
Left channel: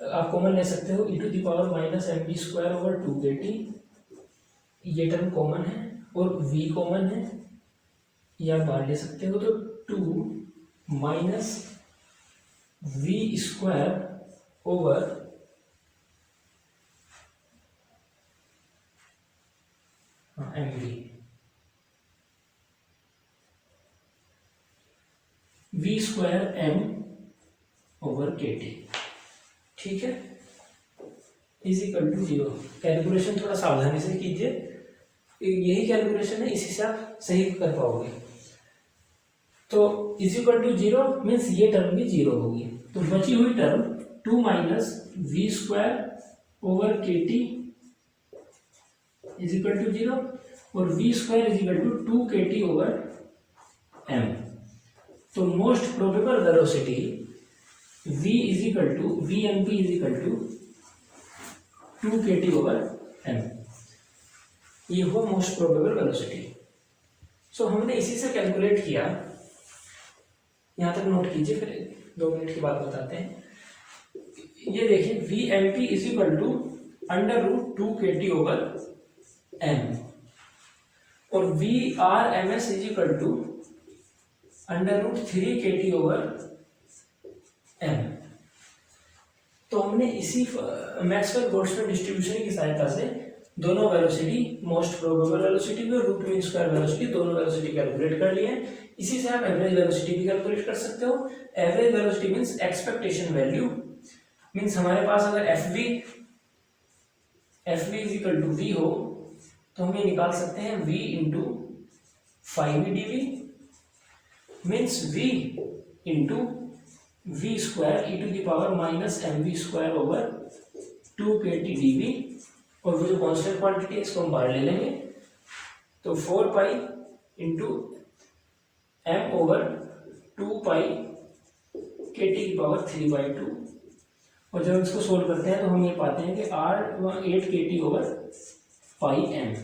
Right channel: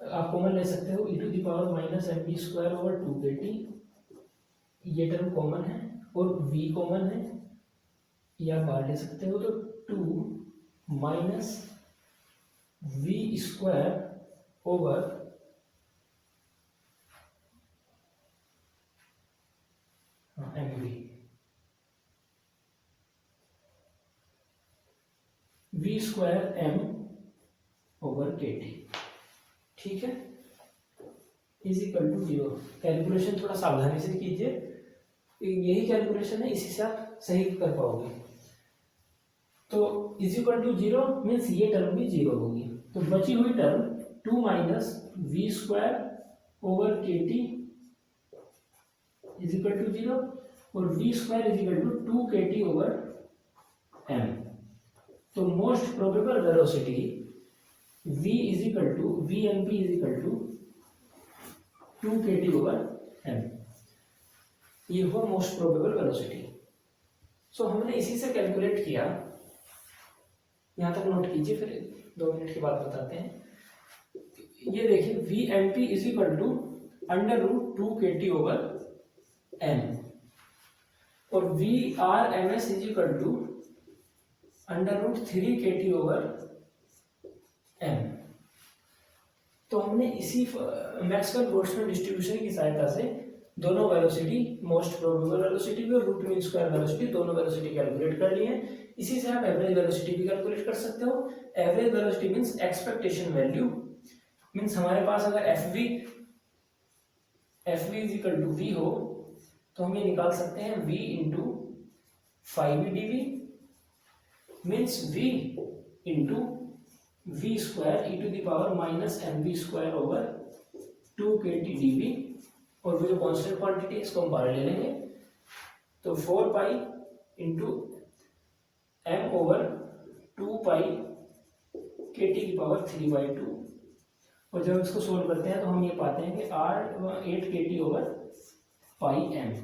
आप कॉमन ले सकते हो e⁻mv²/2kT, ये टर्म कॉमन है और v कॉमन है, ये आप बाहर ले सकते हो। तो 2 माइनस v²/mv, v²m/kT, ठीक है, = 0। कैलकुलेशन थोड़ा सावधानी से कीजिए, यही कैलकुलेशन है, इसी से आप सही कर पाओगे। तो = 0 मीन्स ये टर्म भी 0 होगी, तो बची हुई टर्म 2 माइनस v²/kT = 0 और v² = 2kT/m। तो most probable velocity vmp = 2kT/m, ये हुआ मोस्ट प्रोबेबल वेलोसिटी। सो हमने इसी से कैलकुलेट किया, यहाँ तक नोट कीजिए, फिर 2 मिनट के बाद बताते हैं। ये देखिए vmp = √2kT/m और vrms = √3kT/m। तो हमने इसी मैक्सवेल बोल्ट्जमैन डिस्ट्रीब्यूशन की सहायता से दोनों वेलोसिटी, मोस्ट प्रोबेबल वेलोसिटी भी और रूट मीन स्क्वायर वेलोसिटी, दोनों वेलोसिटी कैलकुलेट कर लिए हैं। इसी से आप एवरेज वेलोसिटी भी कैलकुलेट कर सकते हो। Average velocity means expectation value, means हमारे पास अगर fv = v हो तो हम ये निकाल सकते हैं v × 5v/dv means v × v² e⁻mv²/2kT/dv, और वो जो कांस्टेंट क्वांटिटी है इसको हम बाहर ले लेंगे, तो 4π × m/2π/kT/3/2। और जब इसको सोल्व करते हैं तो हम ये पाते हैं कि 8kT/m।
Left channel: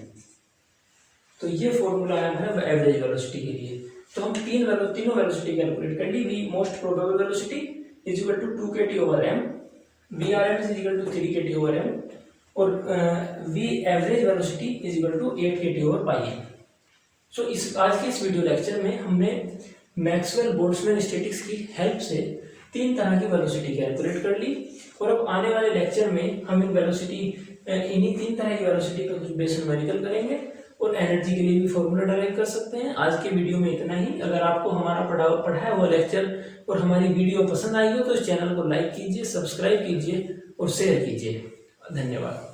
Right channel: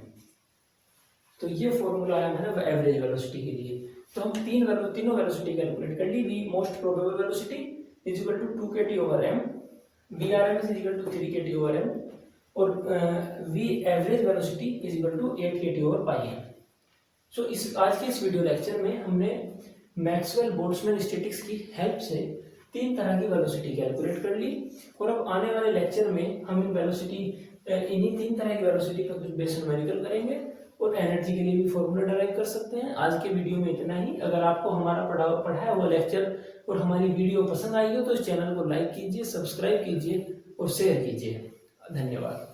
तो ये फॉर्मूला आया है एवरेज वेलोसिटी के लिए। तो हम तीनों वेलोसिटी कैलकुलेट कर ली। v most probable velocity = 2kT/m, vrms = 3kT/m और v एवरेज वेलोसिटी = 8kT/m। सो आज के इस वीडियो लेक्चर में हमने मैक्सवेल बोल्ट्जमैन स्टैटिक्स की हेल्प से 3 तरह की वेलोसिटी कैलकुलेट कर ली। और अब आने वाले लेक्चर में हम इन्हीं 3 तरह की वेलोसिटी पर कुछ बेसिक न्यूमेरिकल करेंगे और एनर्जी के लिए भी फॉर्मूला डिराइव कर सकते हैं। आज के वीडियो में इतना ही। अगर आपको हमारा पढ़ाया हुआ लेक्चर और हमारी वीडियो पसंद आई हो तो इस चैनल को लाइक कीजिए, सब्सक्राइब कीजिए और शेयर कीजिए। धन्यवाद।